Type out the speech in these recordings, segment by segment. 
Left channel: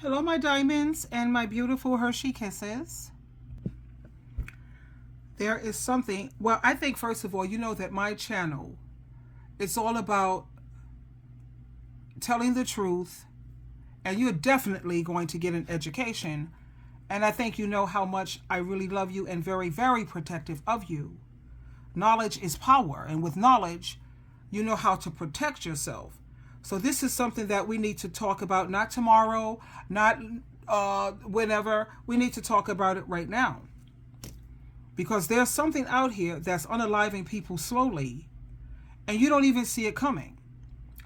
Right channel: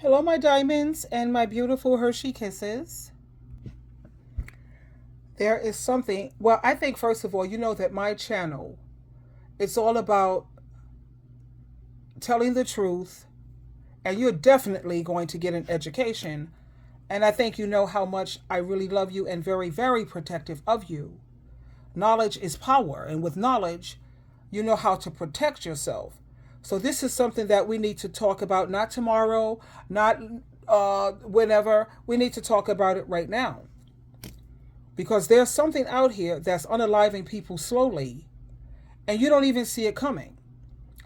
Hello, my diamonds and my beautiful Hershey kisses. There is something, well, I think first of all, you know that my channel, it's all about telling the truth, and you're definitely going to get an education. And I think you know how much I really love you and very, very protective of you. Knowledge is power, and with knowledge, you know how to protect yourself. So this is something that we need to talk about, not tomorrow, not whenever. We need to talk about it right now. Because there's something out here that's unaliving people slowly, and you don't even see it coming.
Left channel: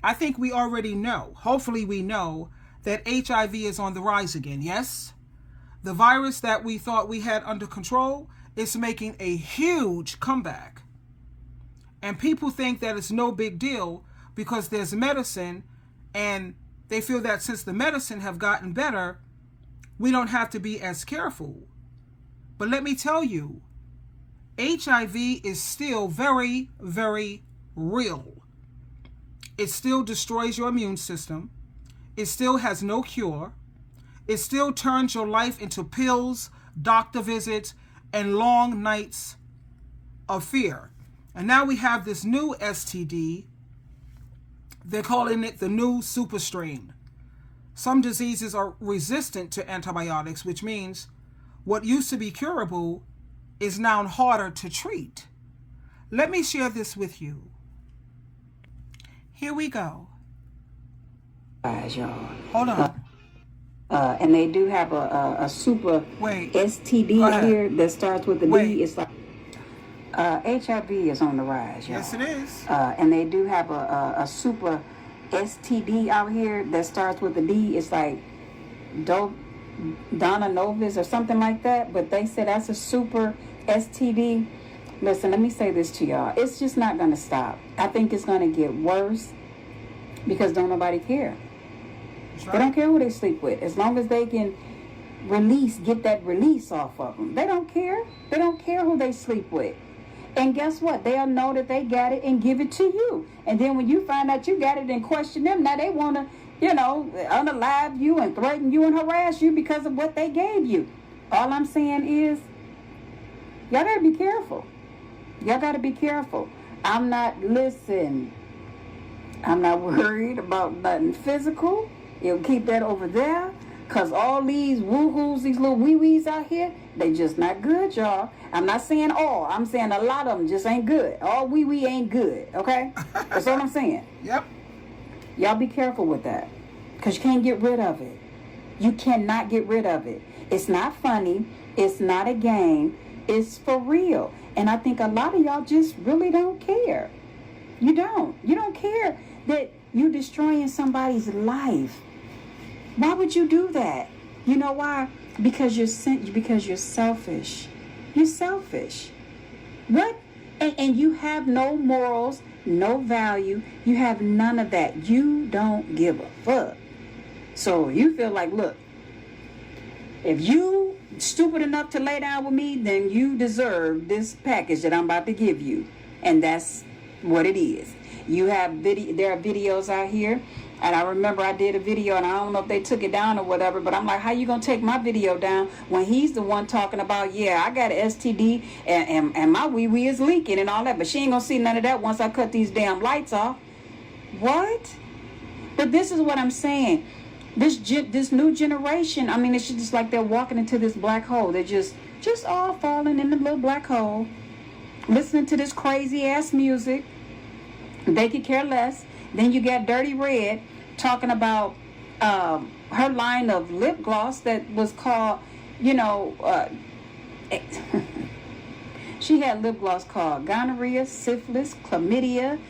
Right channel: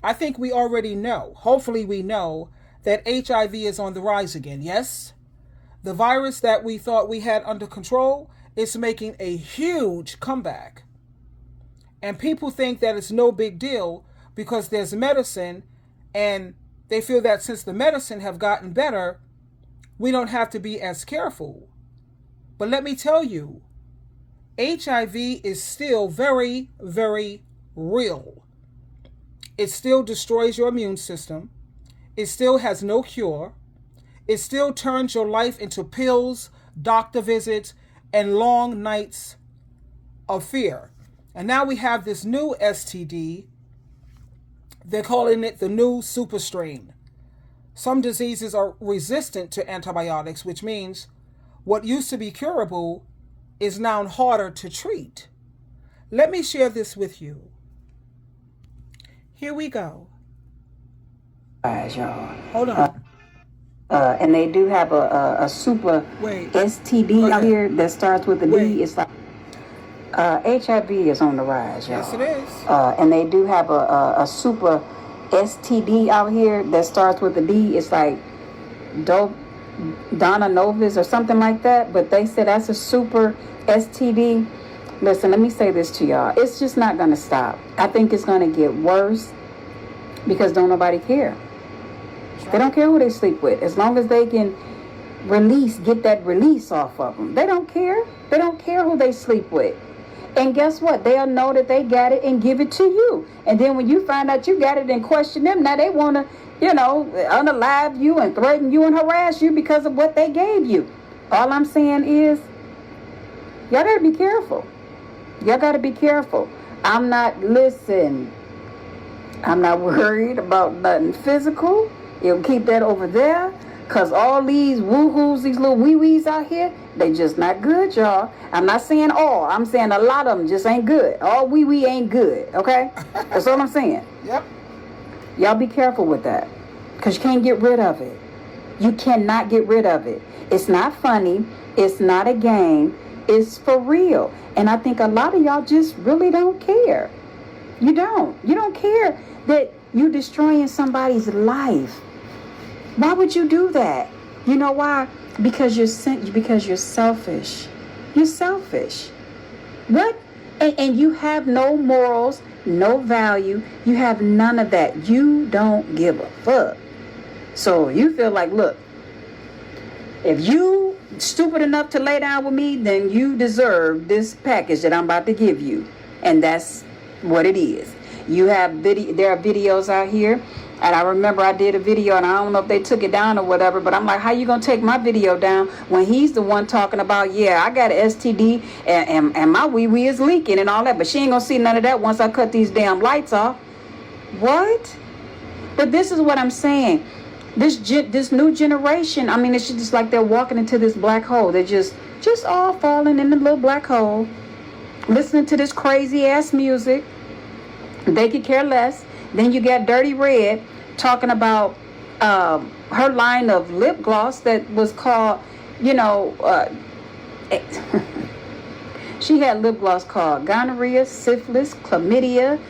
I think we already know, hopefully we know, that HIV is on the rise again, yes? The virus that we thought we had under control is making a huge comeback. And people think that it's no big deal because there's medicine, and they feel that since the medicine have gotten better, we don't have to be as careful. But let me tell you, HIV is still very, very real. It still destroys your immune system. It still has no cure. It still turns your life into pills, doctor visits, and long nights of fear. And now we have this new STD. They're calling it the new super strain. Some diseases are resistant to antibiotics, which means what used to be curable is now harder to treat. Let me share this with you. Here we go. Y'all. Hold on. And they do have a super STD out here that starts with a D. It's like HIV is on the rise, y'all. Yes, it is. And they do have a super STD out here that starts with a D. It's like Donna Novis or something like that. But they said that's a super STD. Listen, let me say this to y'all. It's just not going to stop. I think it's going to get worse because don't nobody care. They don't care who they sleep with. As long as they can get that release off of them. They don't care. They don't care who they sleep with. And guess what? They'll know that they got it and give it to you. And then when you find out you got it and question them, now they want to, unalive you and threaten you and harass you because of what they gave you. All I'm saying is, y'all got to be careful. Y'all got to be careful. I'm not worried about nothing physical. You'll keep that over there. Because all these woo-hoos, these little wee-wees out here, they just not good, y'all. I'm not saying all. I'm saying a lot of them just ain't good. All wee-wee ain't good, okay? That's all I'm saying. Yep. Y'all be careful with that. Because you can't get rid of it. You cannot get rid of it. It's not funny. It's not a game. It's for real. And I think a lot of y'all just really don't care. You don't. You don't care that you're destroying somebody's life. Why would you do that? You know why? Because you're selfish. You're selfish. What? And you have no morals, no value. You have none of that. You don't give a fuck. So you feel like, look, if you stupid enough to lay down with me, then you deserve this package that I'm about to give you. And that's what it is. There are videos out here. And I remember I did a video, and I don't know if they took it down or whatever, but I'm like, how you going to take my video down when he's the one talking about, yeah, I got an STD, and my wee-wee is leaking and all that, but she ain't going to see none of that once I cut these damn lights off. What? But this is what I'm saying. This new generation, I mean, it's just like they're walking into this black hole. They're just all falling in the little black hole, listening to this crazy-ass music. They could care less. Then you got Dirty Red talking about her line of lip gloss that was called, she had lip gloss called gonorrhea, syphilis, chlamydia.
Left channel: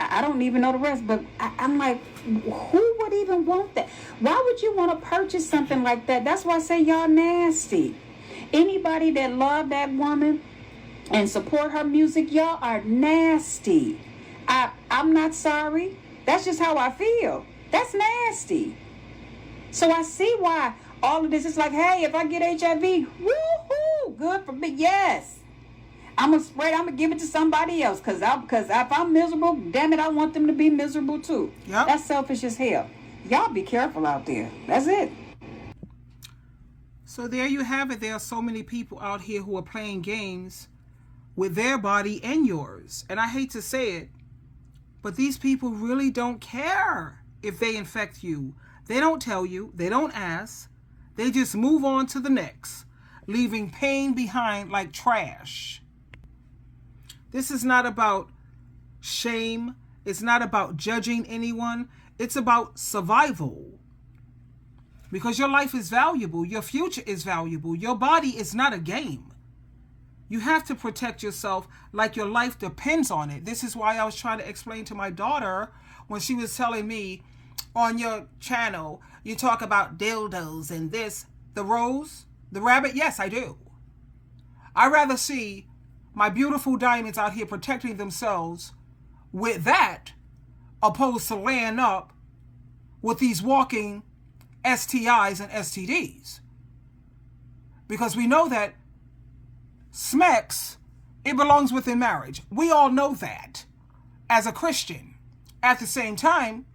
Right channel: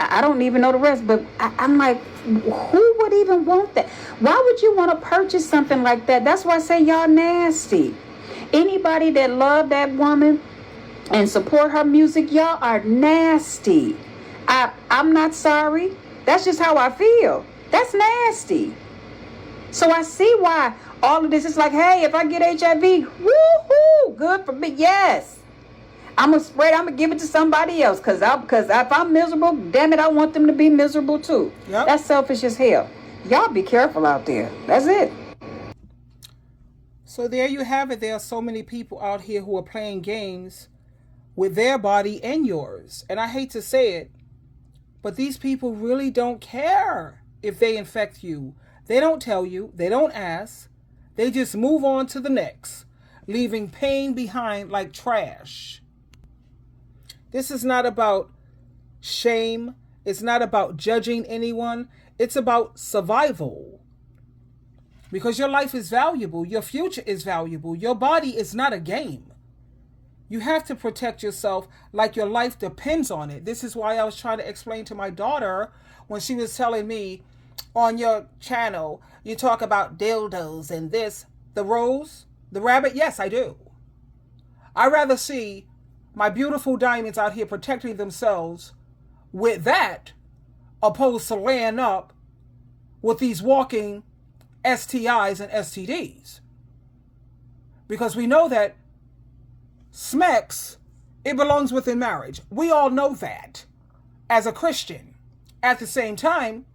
I don't even know the rest, but I'm like, who would even want that? Why would you want to purchase something like that? That's why I say y'all nasty. Anybody that love that woman and support her music, y'all are nasty. I'm not sorry. That's just how I feel. That's nasty. So I see why all of this is like, hey, if I get HIV, woohoo, good for me. Yes. I'm going to give it to somebody else because if I'm miserable, damn it, I want them to be miserable too. Yep. That's selfish as hell. Y'all be careful out there. That's it. So there you have it. There are so many people out here who are playing games with their body and yours. And I hate to say it, but these people really don't care if they infect you. They don't tell you. They don't ask. They just move on to the next, leaving pain behind like trash. This is not about shame. It's not about judging anyone. It's about survival. Because your life is valuable. Your future is valuable. Your body is not a game. You have to protect yourself like your life depends on it. This is why I was trying to explain to my daughter when she was telling me, on your channel, you talk about dildos and this. The rose, the rabbit, yes, I do. I'd rather see my beautiful diamonds out here protecting themselves with that opposed to laying up with these walking STIs and STDs. Because we know that SMEX, it belongs within marriage. We all know that as a Christian. At the same time,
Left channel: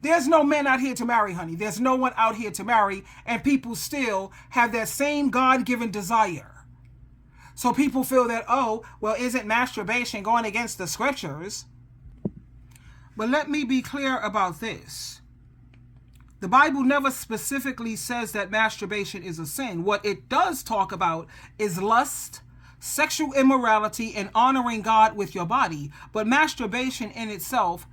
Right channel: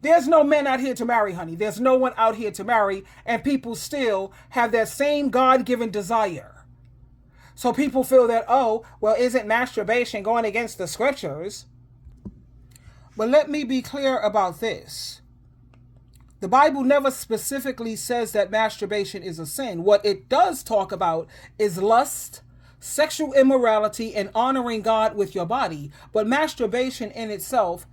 there's no men out here to marry, honey. There's no one out here to marry, and people still have that same God-given desire. So people feel that, oh, well, isn't masturbation going against the scriptures? But let me be clear about this. The Bible never specifically says that masturbation is a sin. What it does talk about is lust, sexual immorality, and honoring God with your body. But masturbation in itself,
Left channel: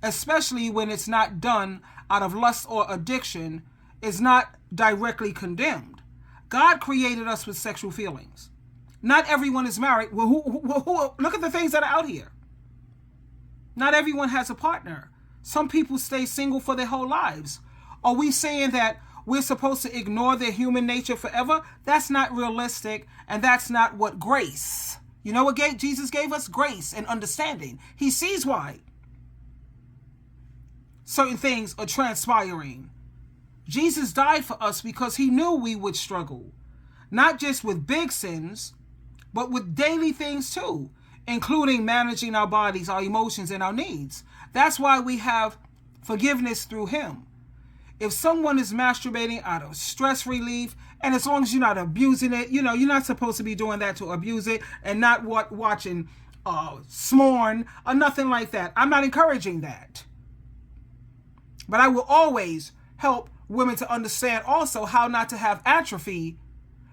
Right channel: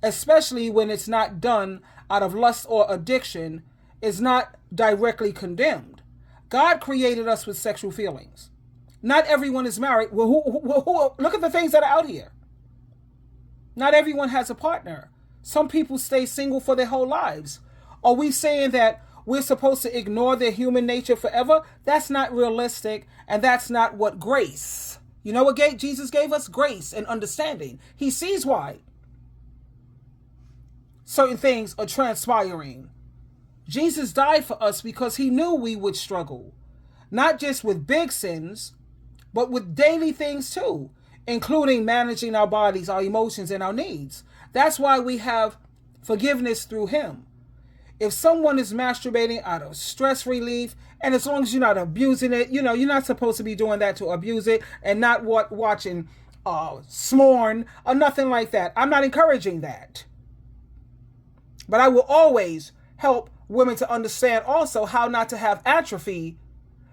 especially when it's not done out of lust or addiction, is not directly condemned. God created us with sexual feelings. Not everyone is married. Well, look at the things that are out here. Not everyone has a partner. Some people stay single for their whole lives. Are we saying that we're supposed to ignore their human nature forever? That's not realistic, and that's not what grace. You know what Jesus gave us? Grace and understanding. He sees why certain things are transpiring. Jesus died for us because he knew we would struggle, not just with big sins, but with daily things too, including managing our bodies, our emotions, and our needs. That's why we have forgiveness through him. If someone is masturbating out of stress relief, and as long as you're not abusing it, you're not supposed to be doing that to abuse it, and not watching smorn or nothing like that. I'm not encouraging that. But I will always help women to understand also how not to have atrophy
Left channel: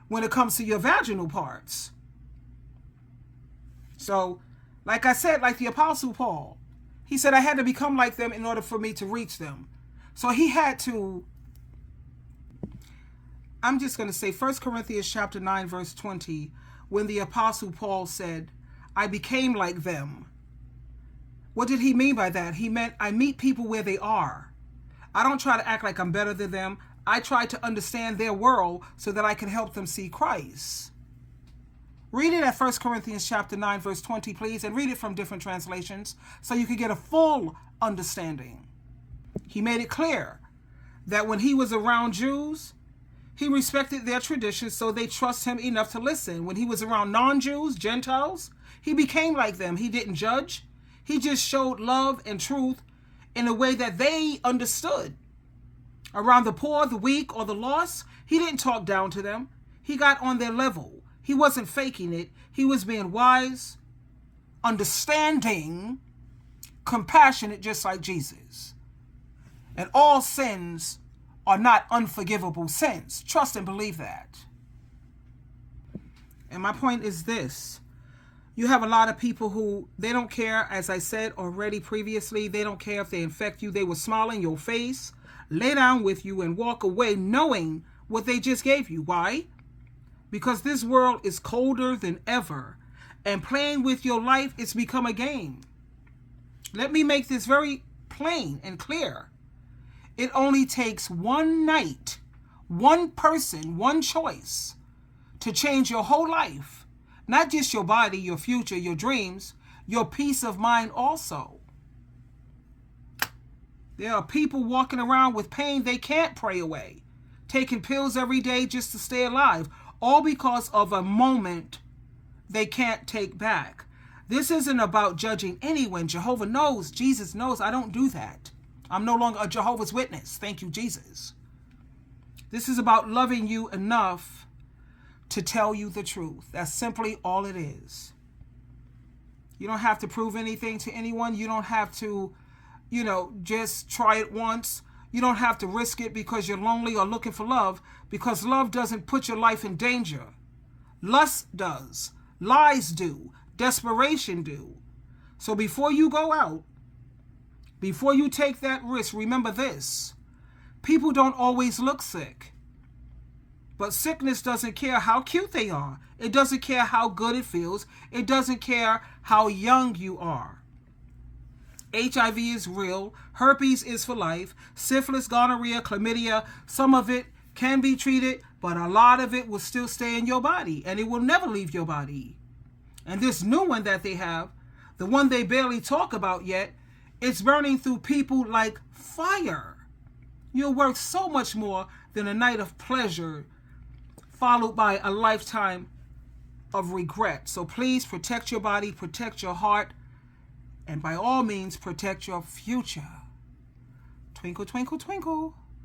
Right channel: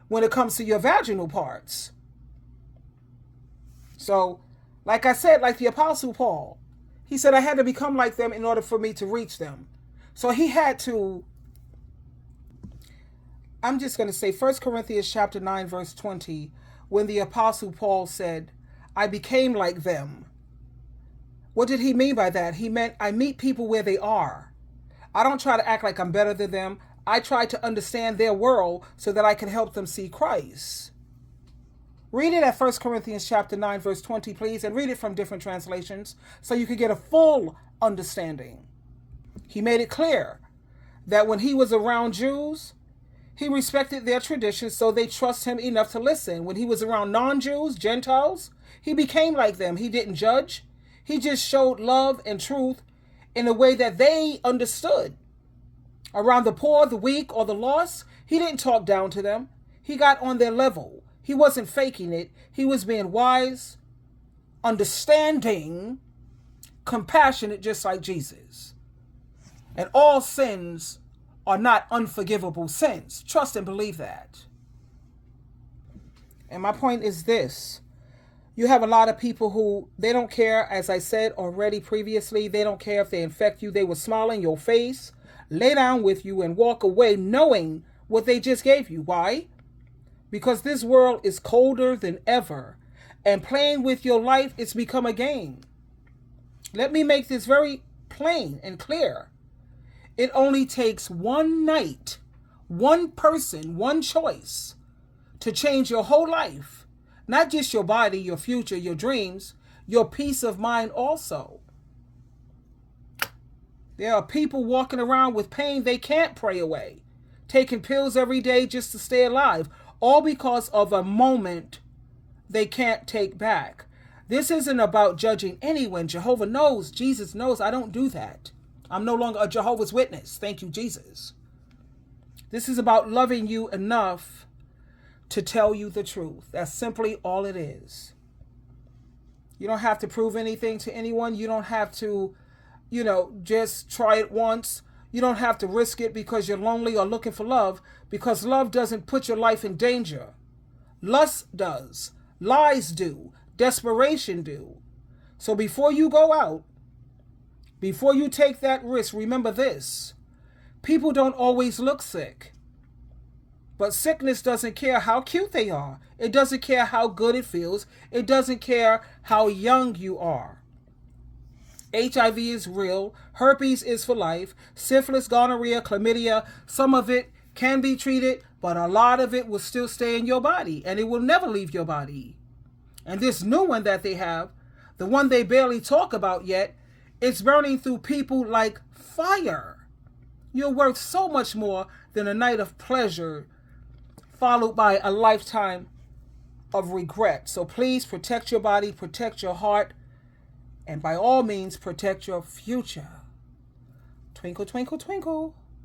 when it comes to your vaginal parts. So, like I said, like the Apostle Paul, he said I had to become like them in order for me to reach them. So he had to, I'm just going to say 1 Corinthians chapter 9, verse 20, when the Apostle Paul said, I became like them. What did he mean by that? He meant I meet people where they are. I don't try to act like I'm better than them. I try to understand their world so that I can help them see Christ. Read it at 1 Corinthians chapter 9, verse 20, please, and read it from different translations so you can get a full understanding. He made it clear that when he was around Jews, he respected their traditions, so they trust him enough to listen. When he was around non-Jews, Gentiles, he became like them. He didn't judge. He just showed love and truth in a way that they understood. Around the poor, the weak, or the lost, he didn't talk down to them. He got on their level. He wasn't faking it. He was being wise, understanding, compassionate, just like Jesus. And all sins are not unforgivable sins. Trust and believe that. And my point is this. You have a lot of people who, they don't care, as I said already previously, they don't care if they infect you. They will smile in your face, lay down with you, and walk away knowing what they just gave you. Why? Because this world is colder than ever, and playing with your life has become a game. Let me make this very plain and clear. It only takes one night, one person, one choice to change your whole life. Not just your body, your future, your dreams, your peace of mind also. There are people walking around with pain they can't pray away, taking pills every day just to stay alive, all because of a moment they can't take back. This isn't about judging anyone. Jehovah knows, Jesus knows I don't do that. I'm no longer a Jehovah's Witness. Thank you, Jesus. This is about loving you enough to tell you the truth. That's simply all it is. You don't have to prove anything to anyone. You don't have to, just try it once. You don't have to risk it because you're lonely or looking for love, because love doesn't put your life in danger. Lust does. Lies do. Desperation do. So before you go out, before you take that risk, remember this. People don't always look sick. But sickness doesn't care how cute they are. It doesn't care how good it feels. It doesn't care how young you are. HIV is real. Herpes is for life. Syphilis, gonorrhea, chlamydia, some of it can be treated, but a lot of it will still stay in your body, and it will never leave your body. And this new one that they have, the one they barely talk about yet, it's burning through people like fire. You're worth so much more than a night of pleasure followed by a lifetime of regret. So please protect your body, protect your heart, and by all means, protect your future. Twinkle, twinkle, twinkle.